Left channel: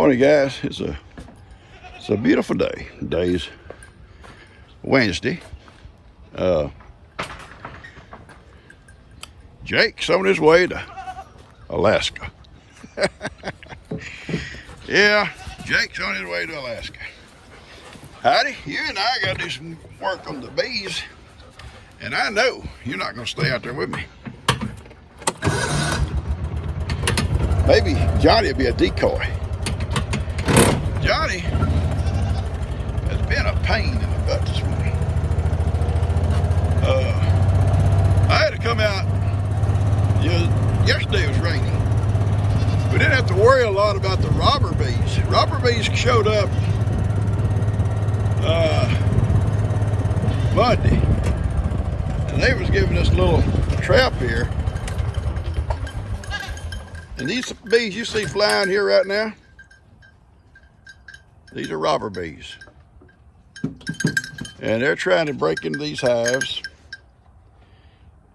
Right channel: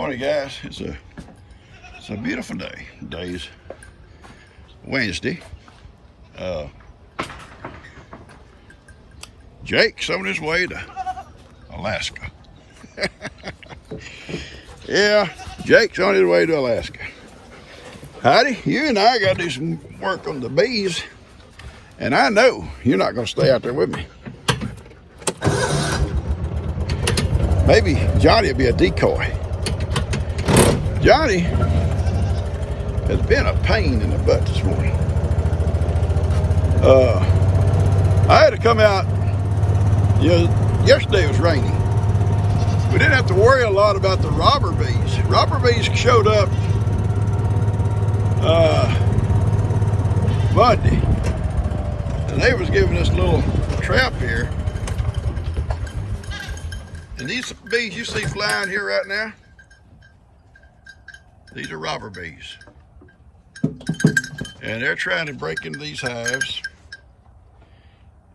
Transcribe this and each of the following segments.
Morning, guys. It's a beautiful day. Today's Wednesday. Jake's on his way to Alaska. Yeah, Jake's on his way to Alaska. Heidi, you and I got to do some work on the bees, and I know you're not going to stay out there with me. Maybe Johnny will be a decoy. Johnny has been a pain in the butt this morning. I had to come out. Yesterday was rainy. We didn't have to worry a lot about the robber bees. Robber bees showed up Monday, and they was giving us a little trap here. And these bees you see flying here right now, these are robber bees. And they're trying to break into these hives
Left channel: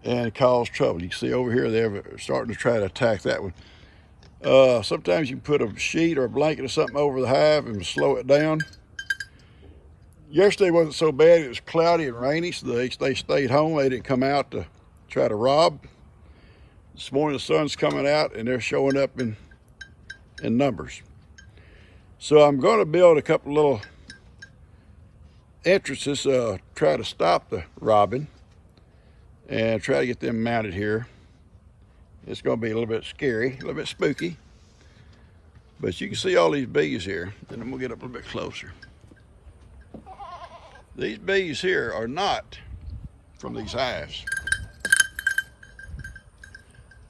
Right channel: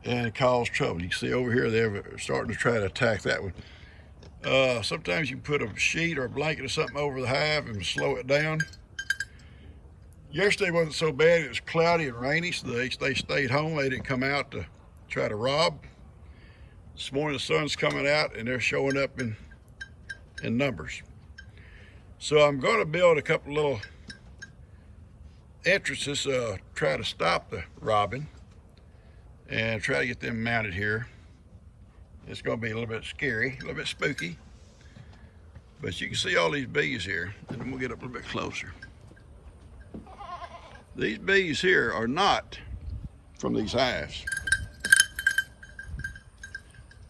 and cause trouble. You can see over here, they're starting to try to attack that one. Sometimes you put a sheet or a blanket or something over the hive and slow it down. Yesterday wasn't so bad. It was cloudy and rainy, so they stayed home. They didn't come out to try to rob. This morning the sun's coming out and they're showing up in numbers. So I'm going to build a couple little entrances, try to stop the robbing and try to get them mounted here. It's going to be a little bit scary, a little bit spooky, but you can see all these bees here, and I'm going to get up a little bit closer. These bees here are not from these hives.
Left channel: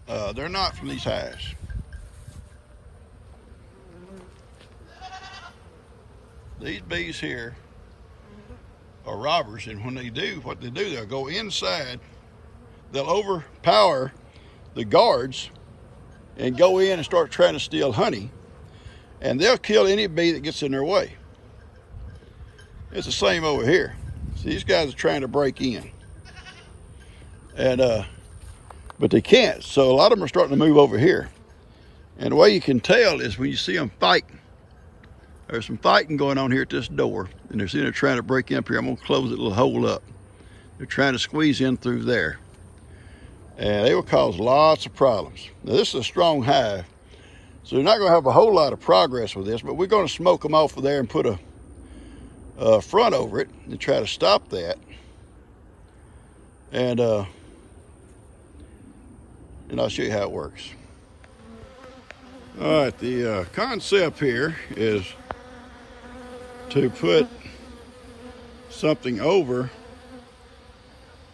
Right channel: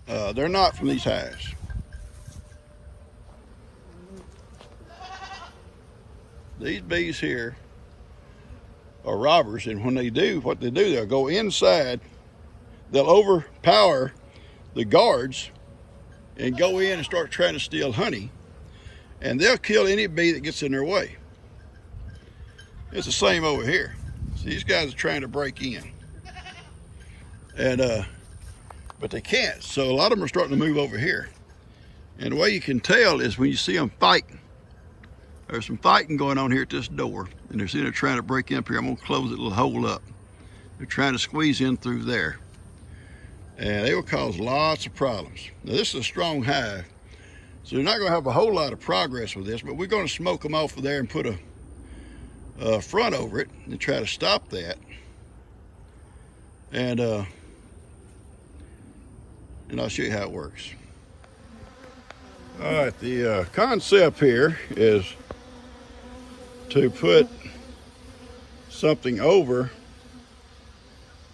They're not from these hives. These bees here are robbers, and when they do what they do, they'll go inside, they'll overpower the guards and go in and start trying to steal honey, and they'll kill any bee that gets in their way. It's the same over here. So these guys are trying to break in, and but they can't. So a lot of them are starting to move over here, and the way you can tell is when you see them fighting. There's some fighting going on here at this door, and they're trying to break in up here. I'm gonna close that little hole up. They're trying to squeeze in through there, and they will cause lots of problems. Now this is a strong hive, so you're not gonna have a whole lot of progress with this, but we're gonna smoke them off of there and put a front over it and try to stop that. And I'll show you how it works. All right, the concept here is to put something over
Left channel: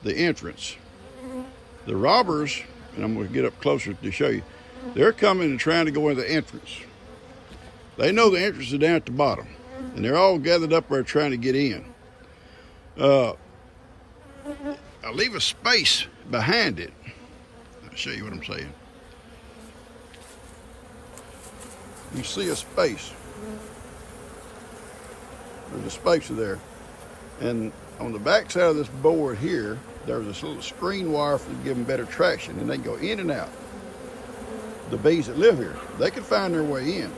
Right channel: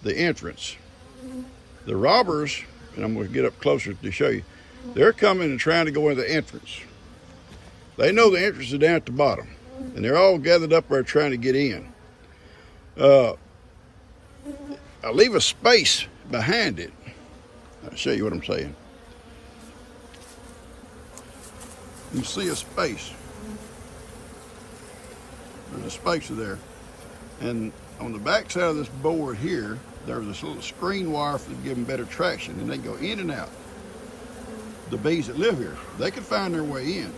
the entrance. The robbers, and I'm going to get up closer to show you, they're coming and trying to go in the entrance. They know the entrance is down at the bottom, and they're all gathered up there trying to get in. I leave a space behind it. I'll show you what I'm saying. You see a space. There's a space there. And on the back side of this board here, there's this little screen wire to give them better traction, and they can go in and out. The bees that live here, they can find their way in.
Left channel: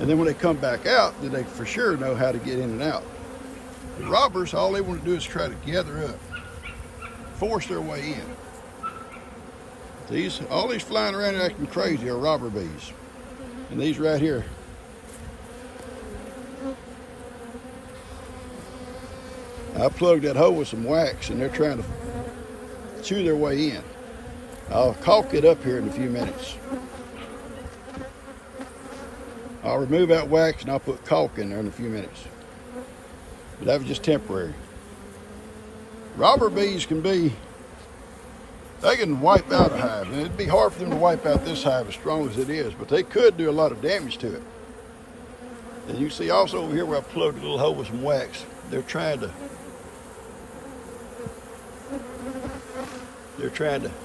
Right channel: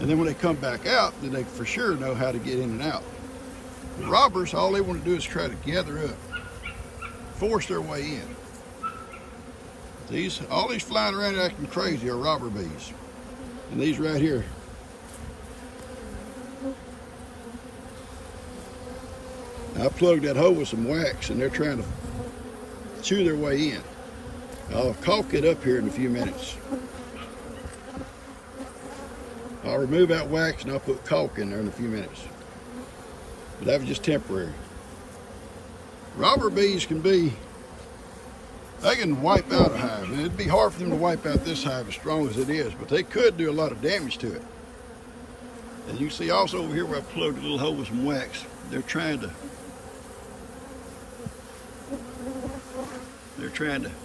And then when they come back out, then they for sure know how to get in and out. The robbers, all they want to do is try to gather up, force their way in. All these flying around acting crazy are robber bees. And these right here, I plugged that hole with some wax, and they're trying to chew their way in. I'll caulk it up here in a few minutes. I'll remove that wax and I'll put caulk in there in a few minutes. But that was just temporary. Robber bees they can wipe out a hive, and it'd be hard for them to wipe out this hive as strong as it is, but they could do a lot of damage to it. And you see also over here where I plugged a little hole with some wax, they're trying to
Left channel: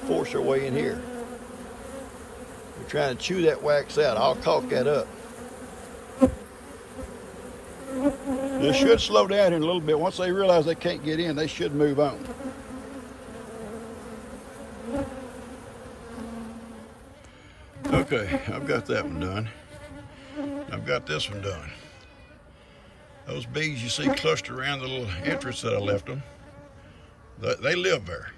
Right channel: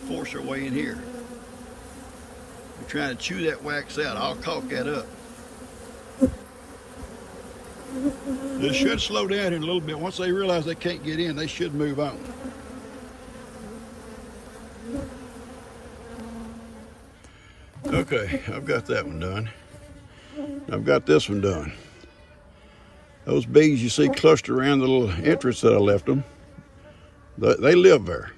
force their way in here. They're trying to chew that wax out. I'll caulk that up. This should slow down in a little bit. Once they realize they can't get in, they should move on. Okay, I've got that one done. I've got this one done. Those bees you see clustered around the little entrance that I left them, they live there.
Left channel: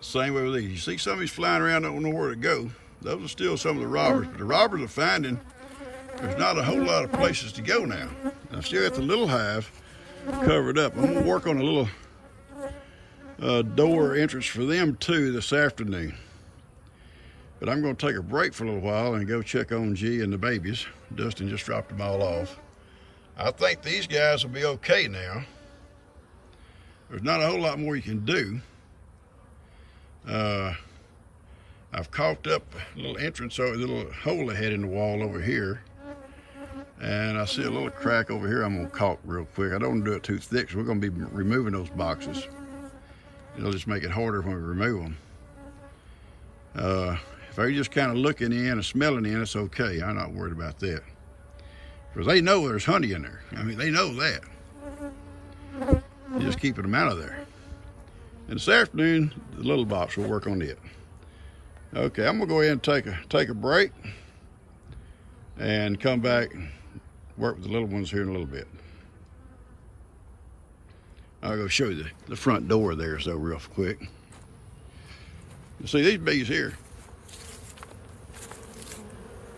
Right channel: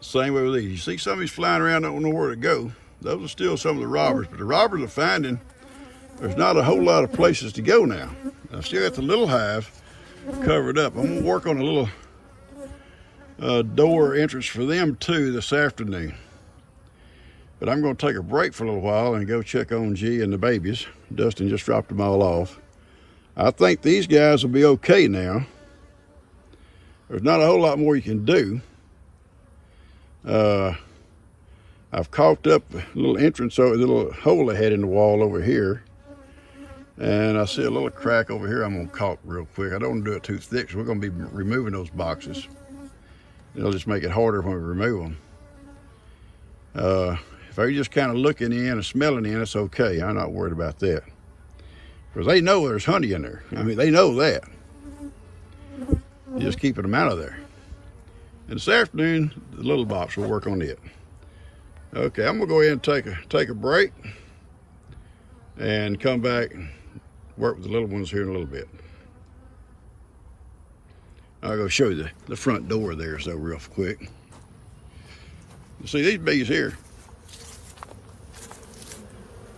Same way with these. You see some of these flying around, don't know where to go. Those are still some of the robbers, but the robbers are finding there's not a whole lot of places to go now. I still got the little hive covered up. I'm gonna work on a little door entrance for them too this afternoon. But I'm gonna take a break for a little while and go check on G and the babies. Dustin just dropped them all off. I think these guys will be okay now. There's not a whole lot more you can do. I've caulked up the little entrance over the little hole they had in the wall over here. And I see a little crack over here I'm gonna caulk real quick. I don't want to do it too thick, so we're gonna be removing those boxes. It'll just make it harder when we remove them. If they're just kind of looking in and smelling in, it's okay. I'm not worried about that. Because they know there's honey in there. I mean, they know that. You're just keeping them out of there. And this afternoon, the little box will work on it. Okay, I'm gonna go ahead and take a break and come back and work with the little ones here in a little bit. I'll go show you the front door there so real quick. You see these bees here.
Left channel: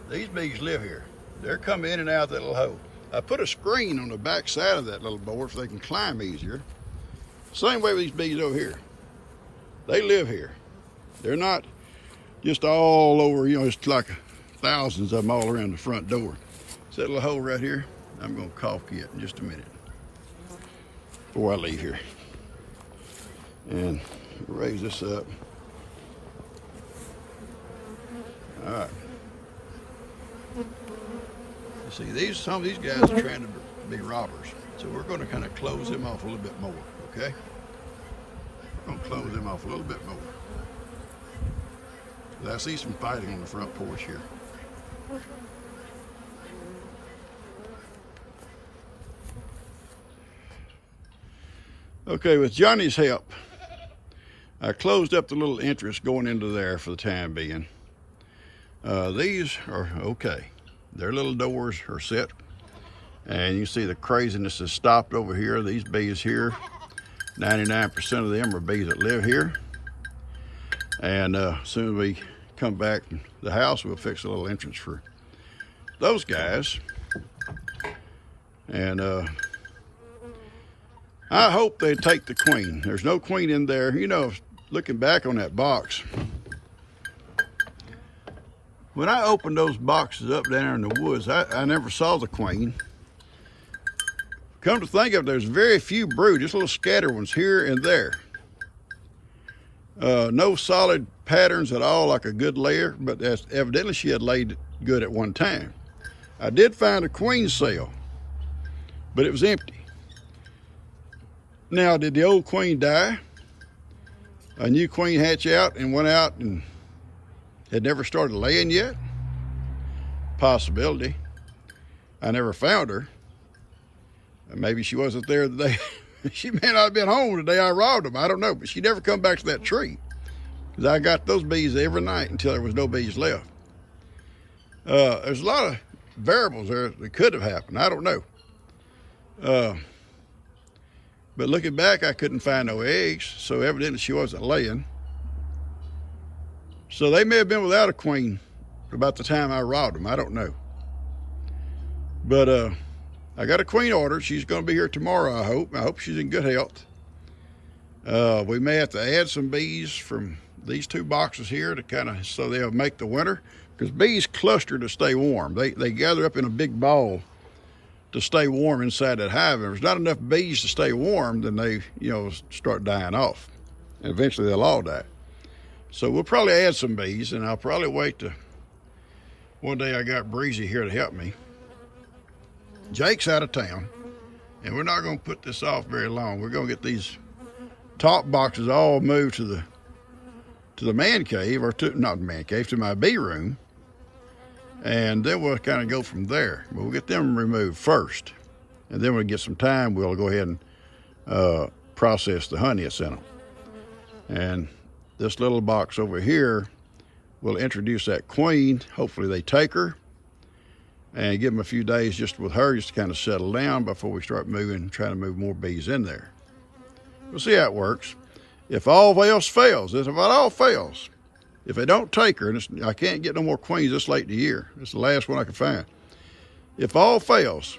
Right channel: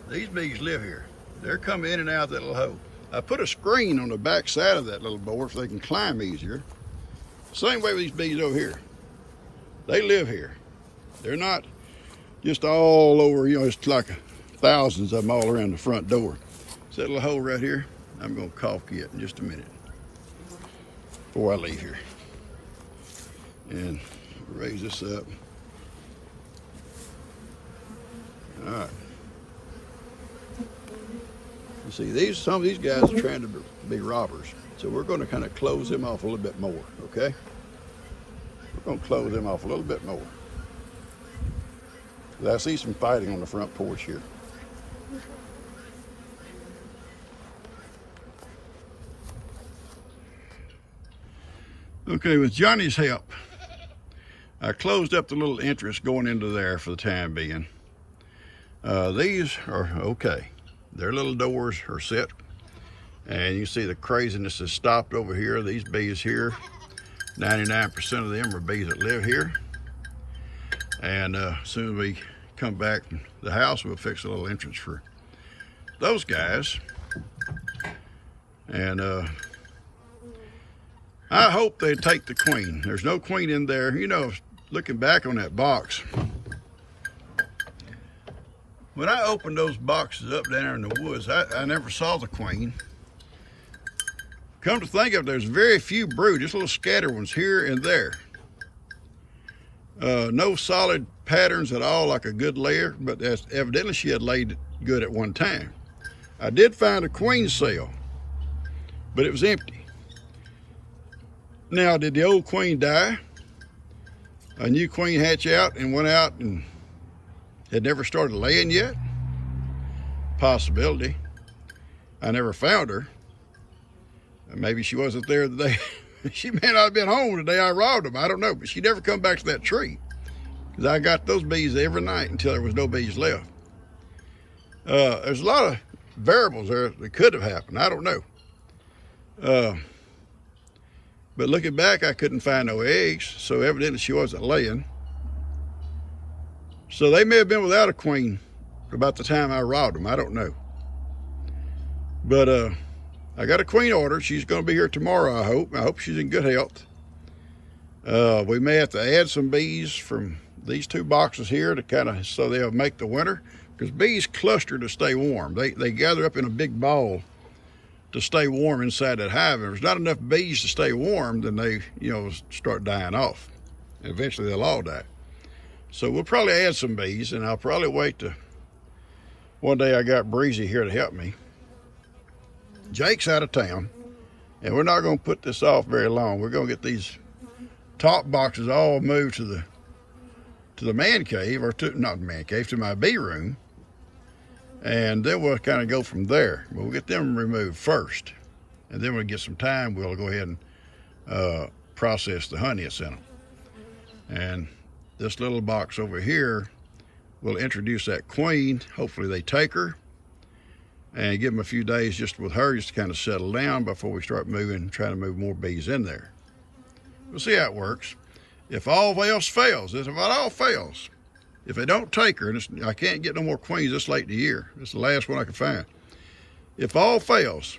These bees live here. They're coming in and out that little hole. I put a screen on the back side of that little board so they can climb easier. Same way with these bees over here. They live here. They're not just all over, you know, it's like thousands of them all around the front door. See that little hole right here? I'm gonna caulk it in just a minute before I leave here. And raise this up. All right. You see, some of these guys are trying to be robbers. So we're gonna kind of close them off a little bit more, okay? We're gonna close them off a little bit more. I see some fighting on the front porch here. Okay, with Johnny's help, I closed up the little entrance going into there for the time being. These are okay. Their little doors are set. And you see the craziness has stopped over here. These bees here, 99% of them are bees that live here. And as soon as we come back to the house, we'll fix a little entrance for those guys. And I hope they take the queen. There's no queen in there. You know, looking back on that box, when I opened those boxes up down there in the woods, I never saw the queen. Come to think of it, there's very few brood, just little scatter ones here and there. No solid patterns at all, like a good layer, but that's evidently she had laid good at one time. I did find a queen cell, but it was empty. Now, did the old queen die? A new queen hatch out and went out and had never started laying yet? Possibility. I never found her. Maybe she wasn't there the day. She may not have been home the day I robbed them. I don't know, but she never come back to that tree. Because I got those bees every night until there was no bees left. There's a lot of variables there that could have happened. I don't know. But looking back, I couldn't find no eggs, so evidently she wasn't laying. So they may have been without a queen about the time I robbed them. I don't know. But I got a queen order. She's going to be here tomorrow, I hope. I hope she's in good health. We may have to add some bees from these two boxes here to kind of, so they'll make the winter. Because bees cluster to stay warm. They gather up in a big ball to stay warm inside that hive. If there's not enough bees to stay warm, then they, you know, start dying off. And eventually they'll all die. So we'll probably add some bees, and I'll probably wait to, one day I got Breezy here to help me. Jake's out of town, and we're not gonna put this off very long. We're gonna get these top boxes all moved to the man cave, or to, not the man cave, to my bee room. And then we'll kind of go from there. We'll get them removed first. And then we'll get some time, we'll go ahead and process the honey that's in them. And this little box over here will introduce that queen. Hopefully they take her. and give them a few days just with her, just to kind of settle down before we start moving, trying to move more bees in there. We'll see how it works. If all else fails, if it all fails, if they don't take her, and I can't get no more queens this late in the year, it's the last one I can find. If all fails,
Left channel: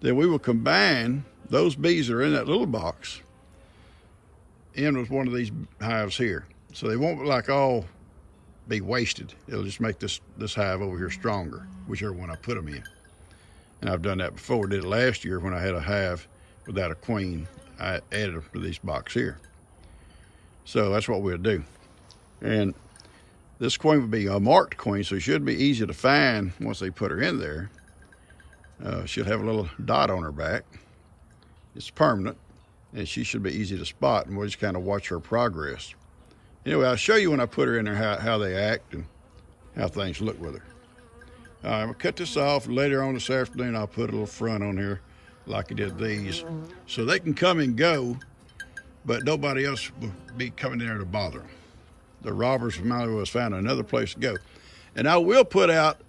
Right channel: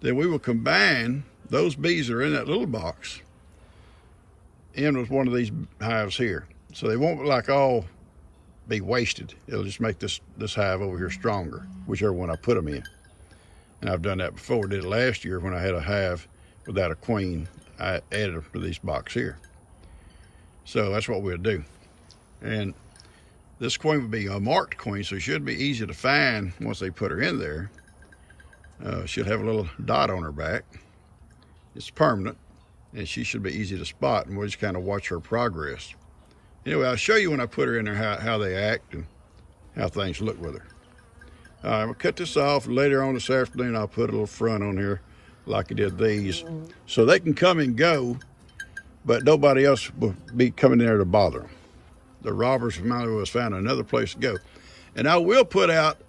then we will combine those bees that are in that little box in with one of these hives here. So they won't like all be wasted. It'll just make this hive over here stronger, whichever one I put them in. And I've done that before. Did it last year when I had a hive without a queen. I added them to this box here. So that's what we'll do. And this queen would be a marked queen, so it should be easy to find once they put her in there. She'll have a little dot on her back. It's permanent, and she should be easy to spot, and we'll just kind of watch her progress. Anyway, I'll show you when I put her in there how they act and how things look with her. I'm gonna cut this off. Later on this afternoon, I'll put a little front on here like I did these, so they can come and go, but nobody else will be coming there to bother them. The robbers finally was found another place to go. And I will put out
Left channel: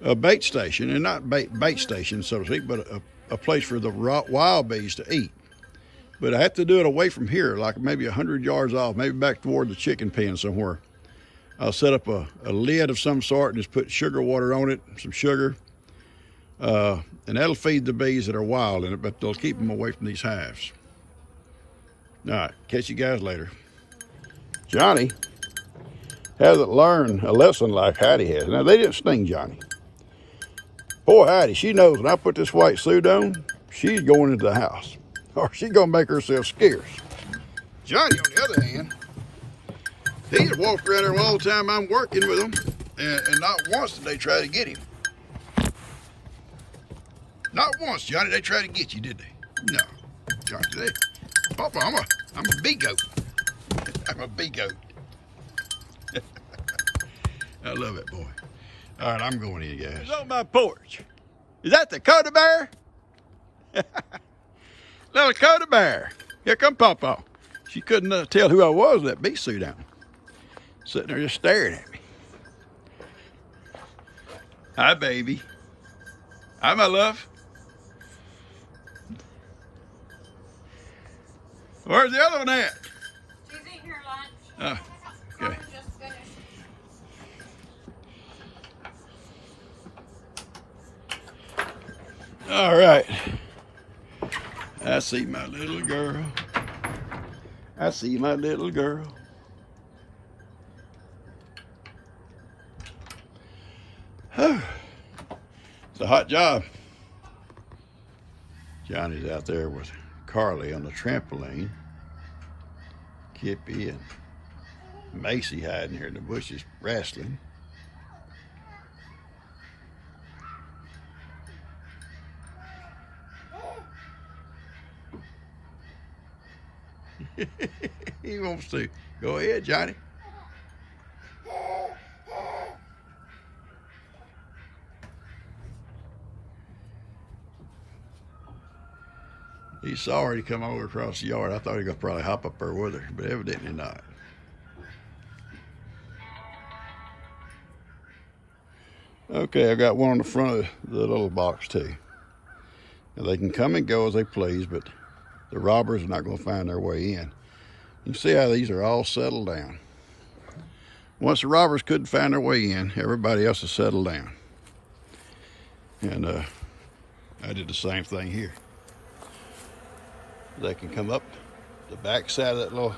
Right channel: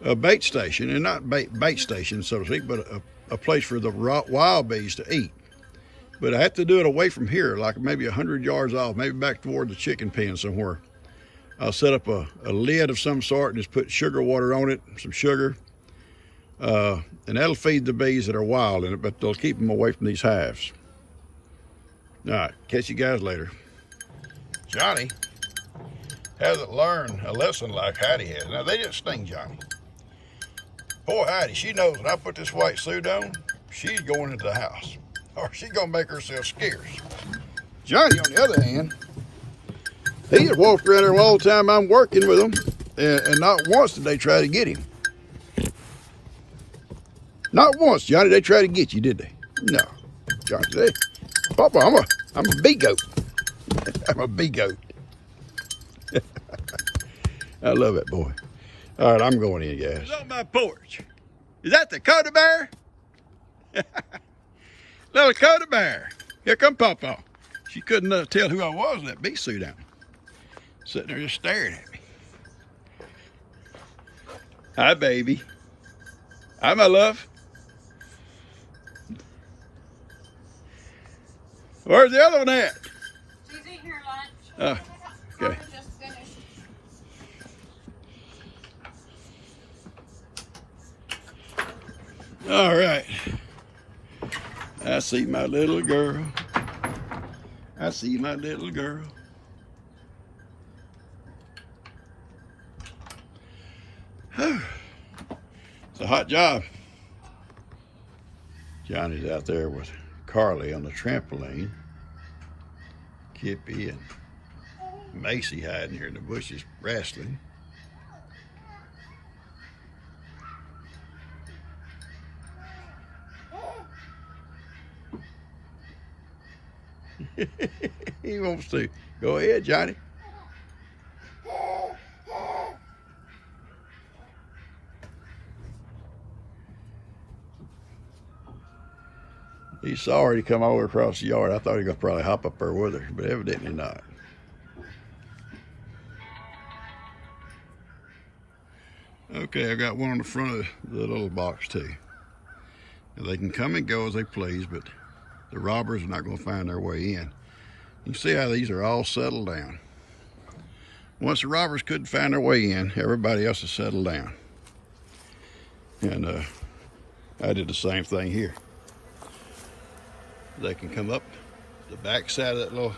a bait station, and not bait station, so to speak, but a place for the wild bees to eat. But I have to do it away from here, like maybe 100 yards off, maybe back toward the chicken pen somewhere. I'll set up a lid of some sort and just put sugar water on it, some sugar, and that'll feed the bees that are wild in it, but they'll keep them away from these hives. All right, catch you guys later. Johnny hasn't learned a lesson like Hattie has. Now, they didn't sting Johnny. Poor Hattie, she knows when I put this white suit on, she's going into the house, or she's going to make herself scarce. Johnny, on the other hand, he just walked around there all the time I'm working with him, and not once did they try to get him. Not once, Johnny, they tried to get you, did they? No. Johnny, Papa, I'm a bee goat. I'm a bee goat. I love it, boy. All right, I'm going in, guys. It's on my porch. Is that the Dakota bear? Little Dakota bear. Here come Papa. She couldn't tell who I was with that bee suit on. Sitting there just staring at me. Hi, baby. Hi, my love. Where's the other one at? She's eating her lunch. Oh, okay. Just finished. All right. I see my little girl. I see my little girl. It's a hot job. Johnny's out there with Carly on the trampoline. Kippy and Macy hiding here in the bushes wrestling. He wants to. Go ahead, Johnny. He saw her, he come over across the yard. I thought he was gonna probably hop up there with her, but evidently not. Okay, I got one on the front of the little box too. Now, they can come and go as they please, but the robbers are not gonna find their way in. You can see how these are all settled down. Once the robbers couldn't find their way in, everybody else has settled down. And I did the same thing here. They can come up the back side of that little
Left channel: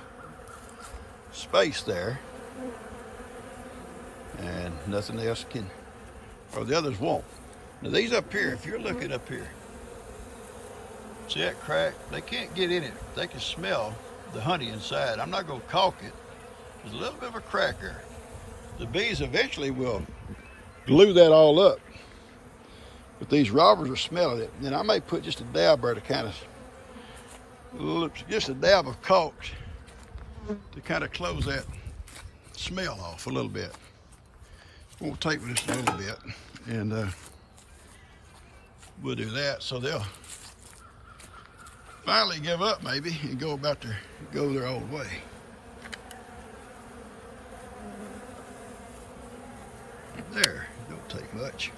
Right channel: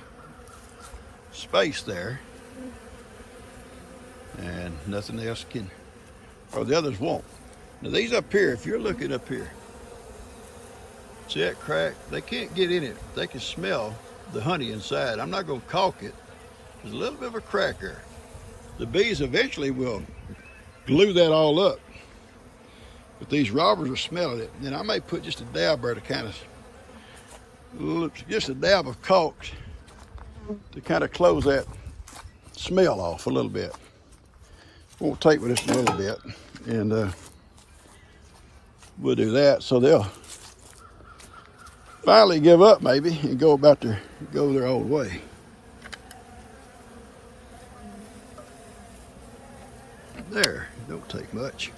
space there, and nothing else can, or the others won't. Now these up here, if you're looking up here, see that crack? They can't get in it. They can smell the honey inside. I'm not gonna caulk it. There's a little bit of a crack there. The bees eventually will glue that all up, but these robbers are smelling it. And I may put just a dab there to kind of, just a dab of caulk to kind of close that smell off a little bit. Won't take with just a little bit, and we'll do that so they'll finally give up maybe and go their old way. There, don't take much.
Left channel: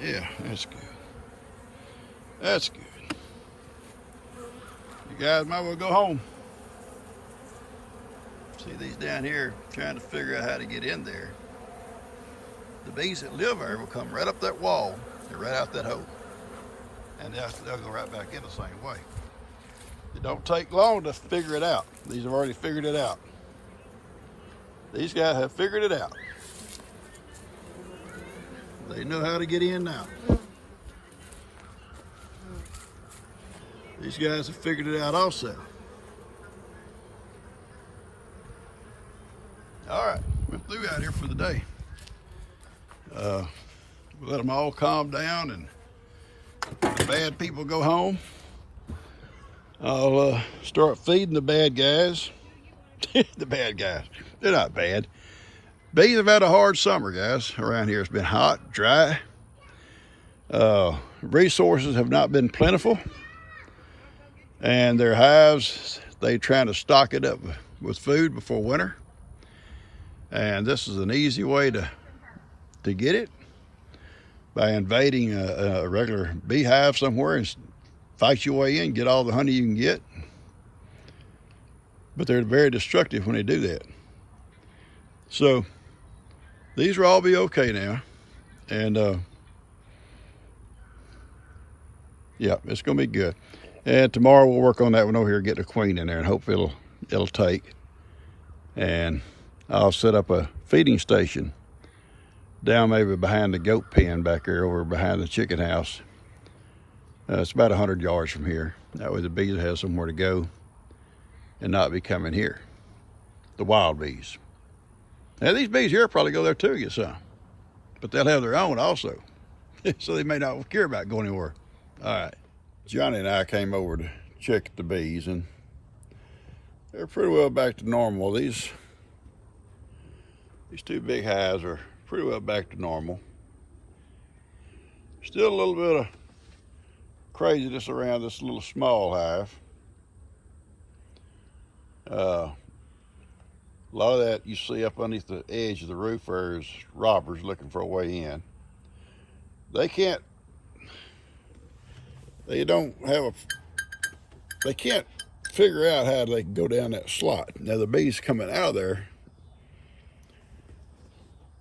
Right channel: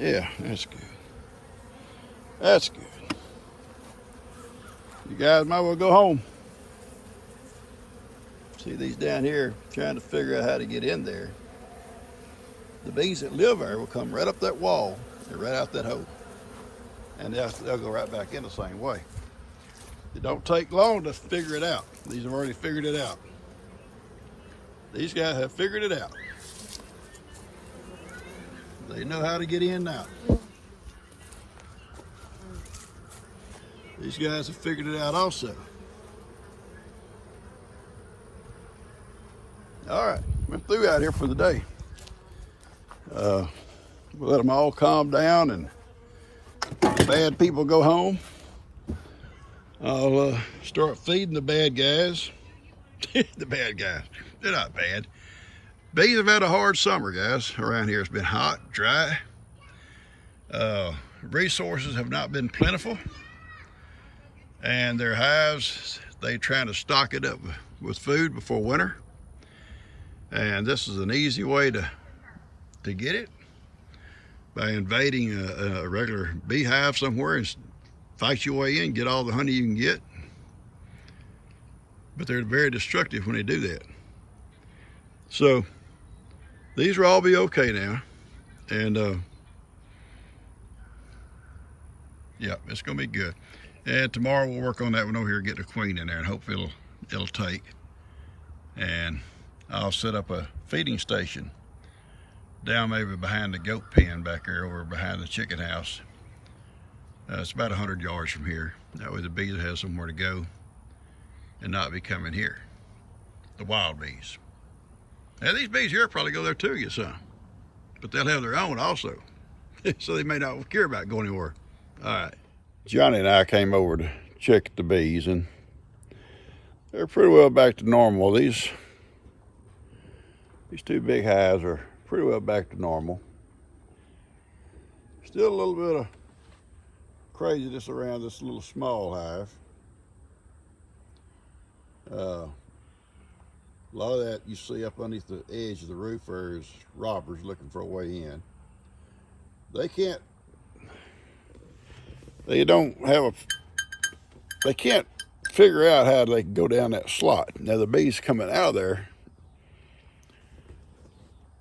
Yeah, that's good. That's good. You guys might well go home. See these down here trying to figure out how to get in there. The bees that live there will come right up that wall and right out that hole. And they'll go right back in the same way. It don't take long to figure it out. These have already figured it out. These guys have figured it out. They know how to get in now. These guys have figured it out also. All right, we're through out here for the day. We'll let them all calm down and the bad people go home. I'll start feeding the bad guys. The bad guys, they're not bad. Bees have had a hard summer, guys, around here. It's been hot, dry. Resources have not been plentiful. And their hives, they're trying to stock it up with food before winter. And this is an easy way to get it by invading a regular beehive somewhere and fight your way in, get all the honey you can get. But they're very destructive when they do that. So these will all be okay now. And yeah, it's gonna be good. And tomorrow we'll work on that one over here, get the queen in there, and hope it'll take. And I'll set up a feeding station down maybe behind the goat pen back there, over behind the chicken house. It's about 100 yards from here. That way the bees have somewhere to go and not be coming here. The wild bees. Now these bees here probably go there too to get some, but they'll have their own also. So they may not care about going anywhere. All right. Johnny and I came over to check the bees, and they're pretty well back to normal. These two big hives are pretty well back to normal. Still a little bit of craziness around this little small hive. A lot of that you see up underneath the edge of the roof there is robbers looking for a way in. They can't figure out how they can go down that slot. Now the bees coming out of there,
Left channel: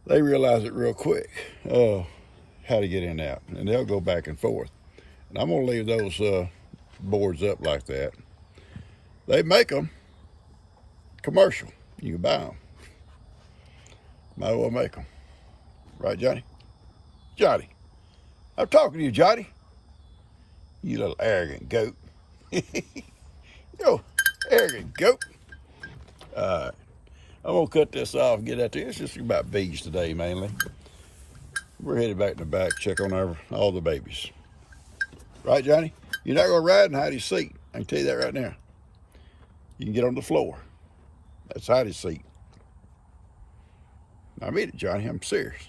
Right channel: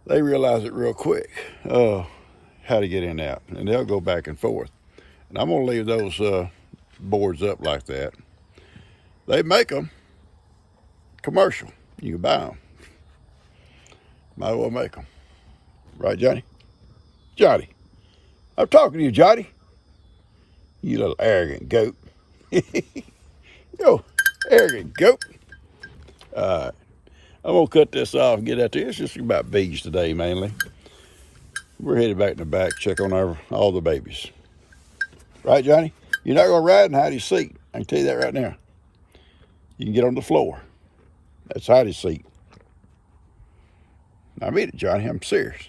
they realize it real quick, how to get in and out, and they'll go back and forth. And I'm gonna leave those boards up like that. They make them commercial. You can buy them. Might as well make them. Right, Johnny? Johnny, I'm talking to you, Johnny. You little arrogant goat. Yo, arrogant goat. All right. I'm gonna cut this off and get out there. It's just about bees today, mainly. We're headed back in the back, check on all the babies. Right, Johnny? You're not gonna ride in Heidi's seat. I can tell you that right now. You can get on the floor. That's Heidi's seat. I mean it, Johnny. I'm serious.